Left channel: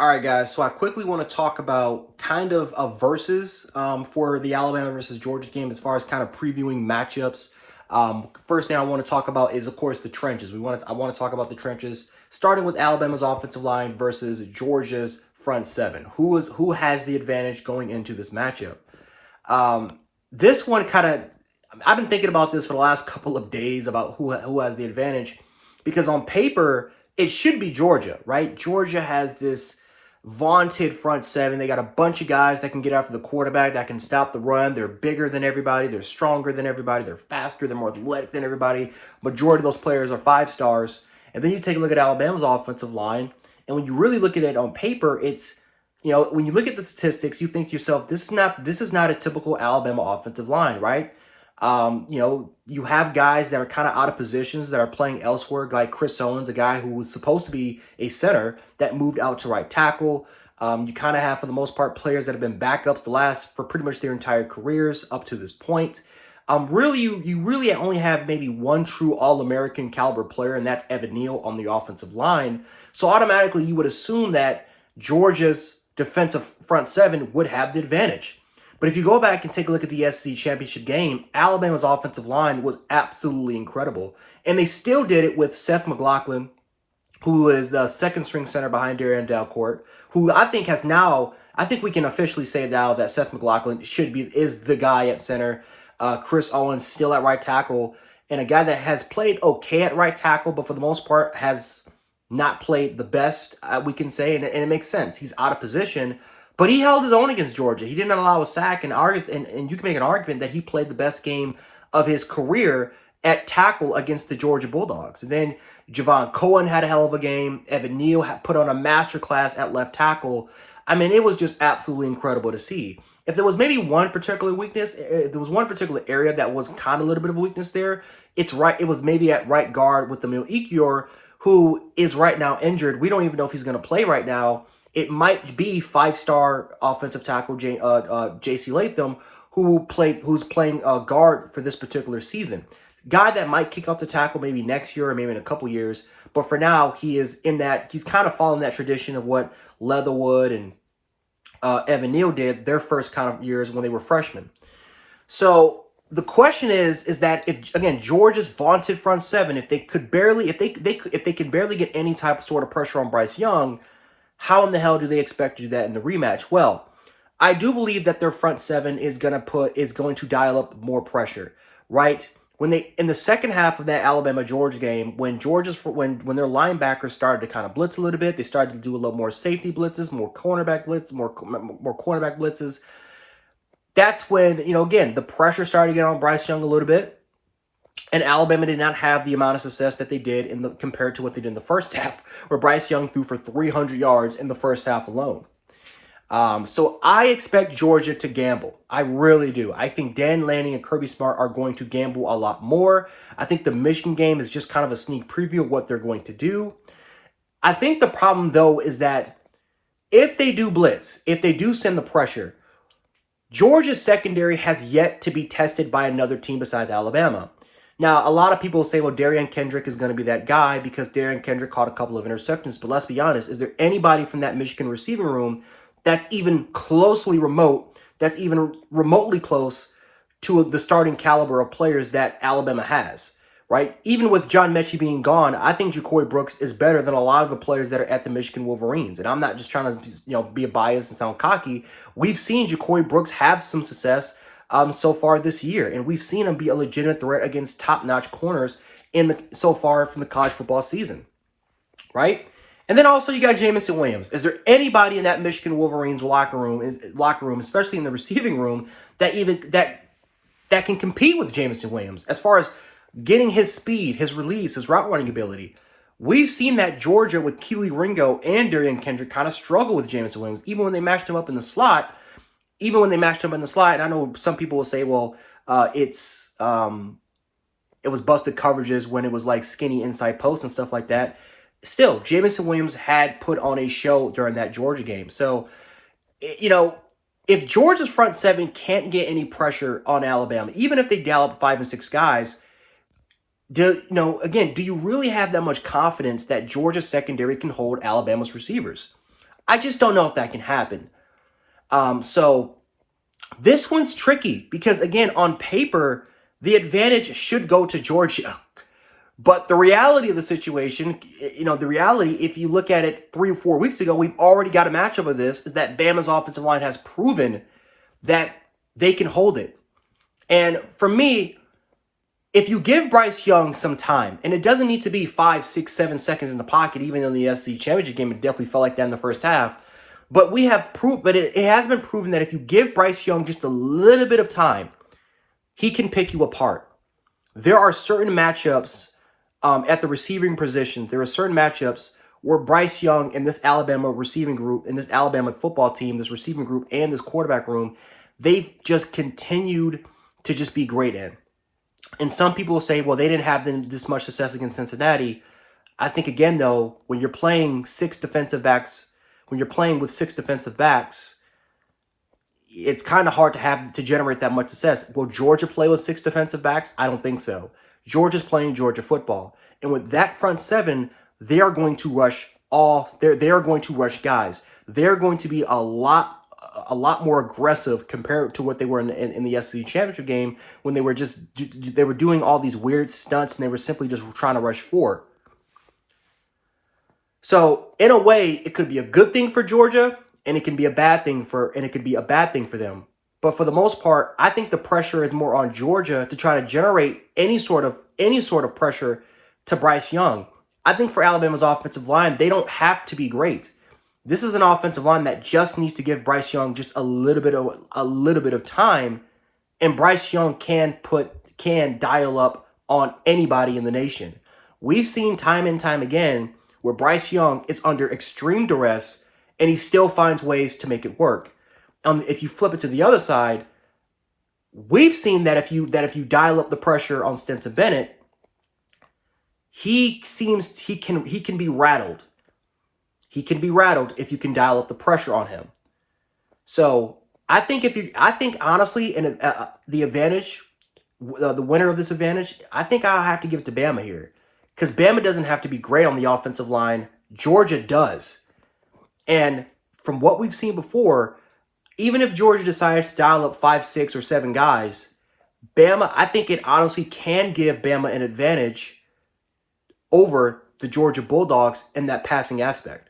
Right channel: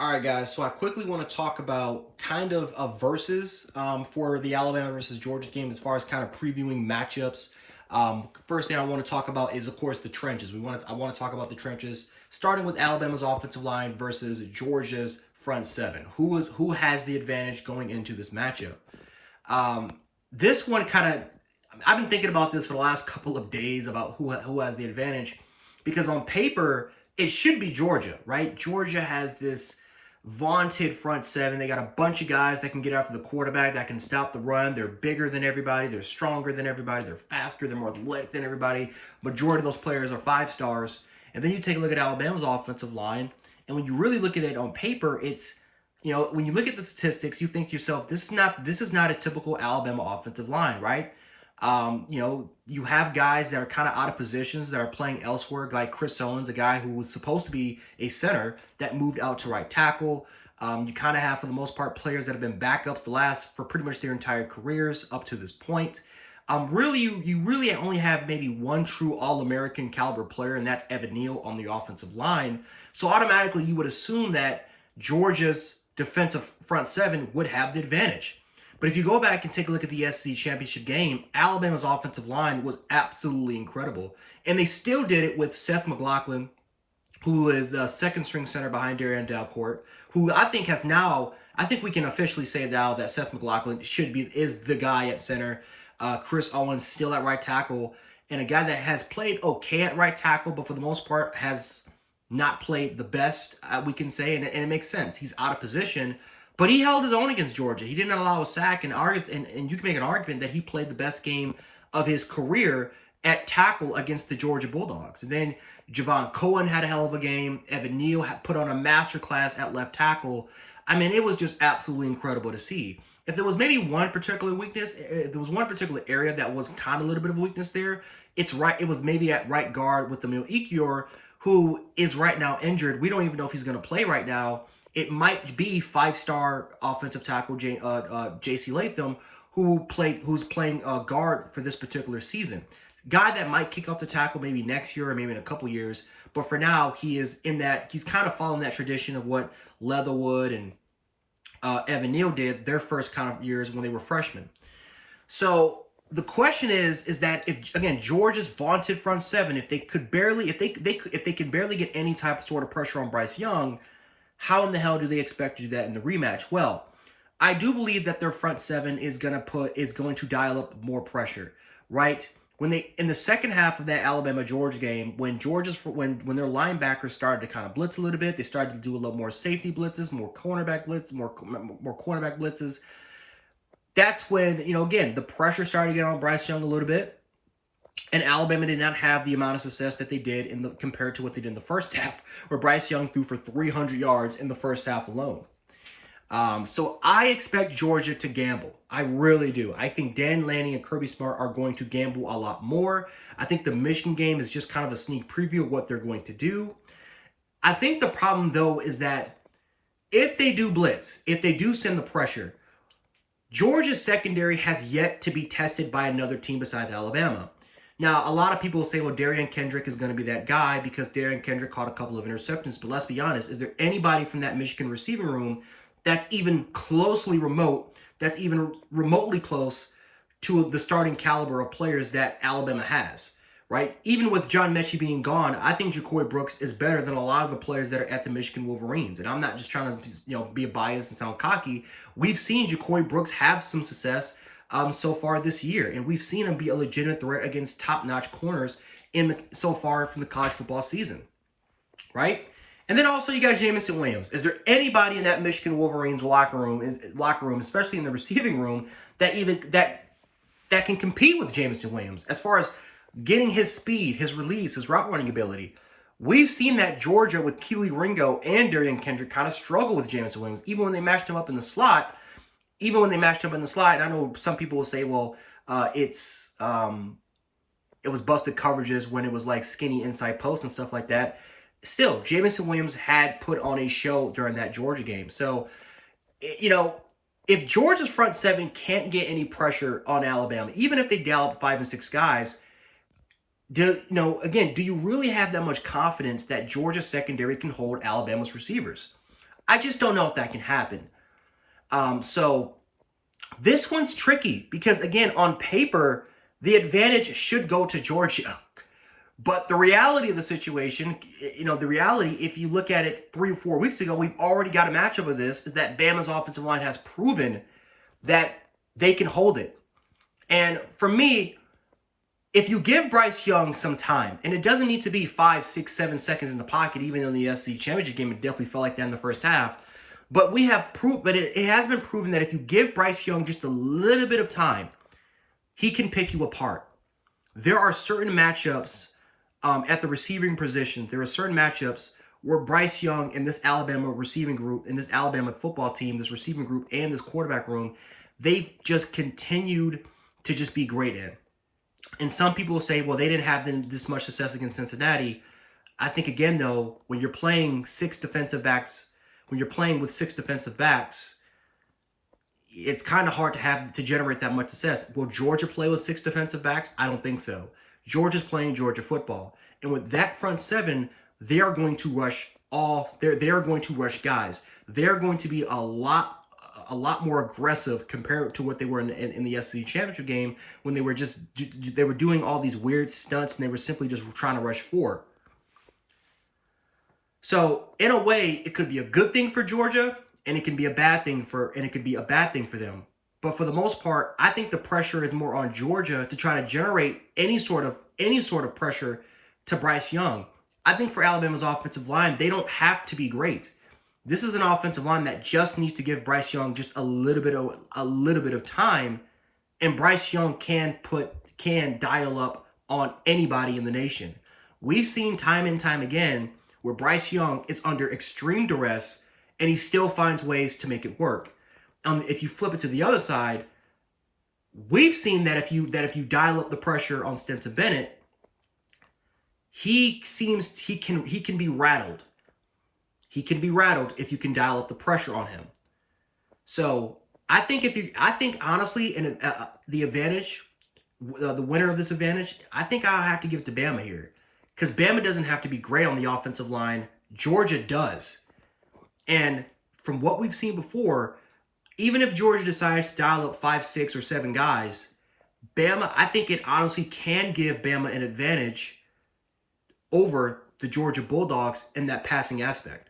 All right, guys. So I quickly want to talk about kind of a versus for the Alabama versus Georgia game as far as kind of previewing matchups. First thing I want to talk about is, of course, the trenches. I want to talk about the trenches, starting with Alabama's offensive line versus Georgia's front seven. Who has the advantage going into this matchup? This one kind of I've been thinking about this for the last couple of days about who has the advantage, because on paper it should be Georgia, right? Georgia has this vaunted front seven. They got a bunch of guys that can get after the quarterback, that can stop the run. They're bigger than everybody. They're stronger than everybody. They're faster. They're more athletic than everybody. Majority of those players are 5 stars. And then you take a look at Alabama's offensive line, and when you really look at it on paper, it's when you look at the statistics, you think to yourself, this is not a typical Alabama offensive line, right? You have guys that are kind of out of positions that are playing elsewhere, like Chris Owens, a guy who was supposed to be a center that moved out to right tackle. You kind of have, for the most part, players that have been backups for pretty much their entire careers up to this point. You really only have maybe one true All-American caliber player, and that's Evan Neal on the offensive line. So automatically, you would assume that Georgia's defensive front seven would have the advantage. But if you go back and take a look at the SEC championship game, Alabama's offensive line was absolutely incredible. And they still did it with Seth McLaughlin, who is the second string center behind Darian Delcourt, who I think we can officially say now that Seth McLaughlin is the guy at center. Chris Owens still at right tackle, and a guy that has played okay at right tackle, but for the most part has not played the best, we can say, and it makes sense. He's out of position, but he held his own against Georgia. He didn't allow a sack, and you can make an argument that he played the best game of his career at tackle against the Georgia Bulldogs. And then Javon Cohen had a hell of a game. Evan Neal had put on a masterclass at left tackle. I mean, it was just absolutely incredible to see. If there was maybe one particular weakness, if there was one particular area that was kind of a little bit of a weakness there, it was maybe at right guard with Emil Ekiyor, who is right now injured. We don't even know if he's going to play right now. It might be 5-star offensive tackle J.C. Latham, who's playing guard for this particular season. Guy that might kick off the tackle maybe next year or maybe in a couple years. But for now, he's kind of following that tradition of what Leatherwood and Evan Neal did their first kind of years when they were freshmen. So the question is that if, again, Georgia's vaunted front seven, if they can barely get any type of sort of pressure on Bryce Young, how in the hell do they expect to do that in the rematch? Well, I do believe that their front seven is going to dial up more pressure, right? In the second half of that Alabama-Georgia game, when their linebackers started to kind of blitz a little bit, they started to do a little more safety blitzes, more cornerback blitzes. That's when, again, the pressure started to get on Bryce Young a little bit. And Alabama did not have the amount of success that they did compared to what they did in the first half, where Bryce Young threw for 300 yards in the first half alone. So I expect Georgia to gamble. I really do. I think Dan Lanning and Kirby Smart are going to gamble a lot more. I think the Michigan game is just kind of a sneak preview of what they're going to do. I think the problem, though, is that if they do blitz, if they do send the pressure, Georgia's secondary has yet to be tested by another team besides Alabama. Now, a lot of people say, well, Darian Kendrick is going to be that guy because Darian Kendrick caught a couple of interceptions. But let's be honest, is there anybody from that Michigan receiving room that's even remotely close to the starting caliber of players that Alabama has, right? Even with John Mechie being gone, I think Ja'Cory Brooks is better than a lot of the players that are at the Michigan Wolverines. And I'm not just trying to be a bias and sound cocky. We've seen Ja'Cory Brooks have some success so far this year, and we've seen him be a legitimate threat against top-notch corners so far from the college football season, right? And then also you got Jameson Williams. Is there anybody in that Michigan Wolverines locker room, especially in the receiving room, that can compete with Jameson Williams as far as getting his speed, his release, his route running ability? We've seen that Georgia with Keely Ringo and Darian Kendrick kind of struggle with Jameson Williams, even when they matched him up in the slot. And I know some people will say, well, it was busted coverages when it was like skinny inside post and stuff like that. Still, Jameson Williams had put on a show during that Georgia game. So, if Georgia's front seven can't get any pressure on Alabama, even if they dial up 5 and 6 guys, do you really have that much confidence that Georgia's secondary can hold Alabama's receivers? I just don't know if that can happen. So this one's tricky because, again, on paper, the advantage should go to Georgia. But the reality of the situation, the reality, if you look at it 3 or 4 weeks ago, we've already got a matchup of this, is that Bama's offensive line has proven that they can hold it. And for me, if you give Bryce Young some time, and it doesn't need to be 5, 6, 7 seconds in the pocket, even in the SEC championship game, it definitely felt like that in the first half. But it has been proven that if you give Bryce Young just a little bit of time, he can pick you apart. There are certain matchups at the receiving position. There are certain matchups where Bryce Young and this Alabama receiving group, and this Alabama football team, this receiving group, and this quarterback room, they've just continued to just be great in. And some people say, well, they didn't have this much success against Cincinnati. I think, again, though, when you're playing with 6 defensive backs, it's kind of hard to generate that much success. Will Georgia play with 6 defensive backs? I don't think so. Georgia's playing Georgia football. And with that front 7, they are going to rush they are going to rush guys. They're going to be a lot more aggressive compared to what they were in the SEC championship game, when they were doing all these weird stunts and they were simply just trying to rush forward. So in a way, it could be a good thing for Georgia, and it can be a bad thing for them. But for the most part, I think the pressure is more on Georgia to try to generate any sort of pressure to Bryce Young. I think for Alabama's offensive line, they don't have to be great. This is an offensive line that just needs to give Bryce Young just a little bit of time, and Bryce Young can dial up on anybody in the nation. We've seen time and time again where Bryce Young is under extreme duress and he still finds ways to make it work. If you flip it to the other side, we've seen that if you dial up the pressure on Stetson Bennett, he can be rattled. He can be rattled if you can dial up the pressure on him. So I think honestly, in the advantage, the winner of this advantage, I think I'll have to give it to Bama here, because Bama doesn't have to be great on the offensive line. Georgia does. And from what we've seen before, even if Georgia decides to dial up 5, 6, or 7 guys, Bama, I think it honestly can give Bama an advantage over the Georgia Bulldogs in that passing aspect.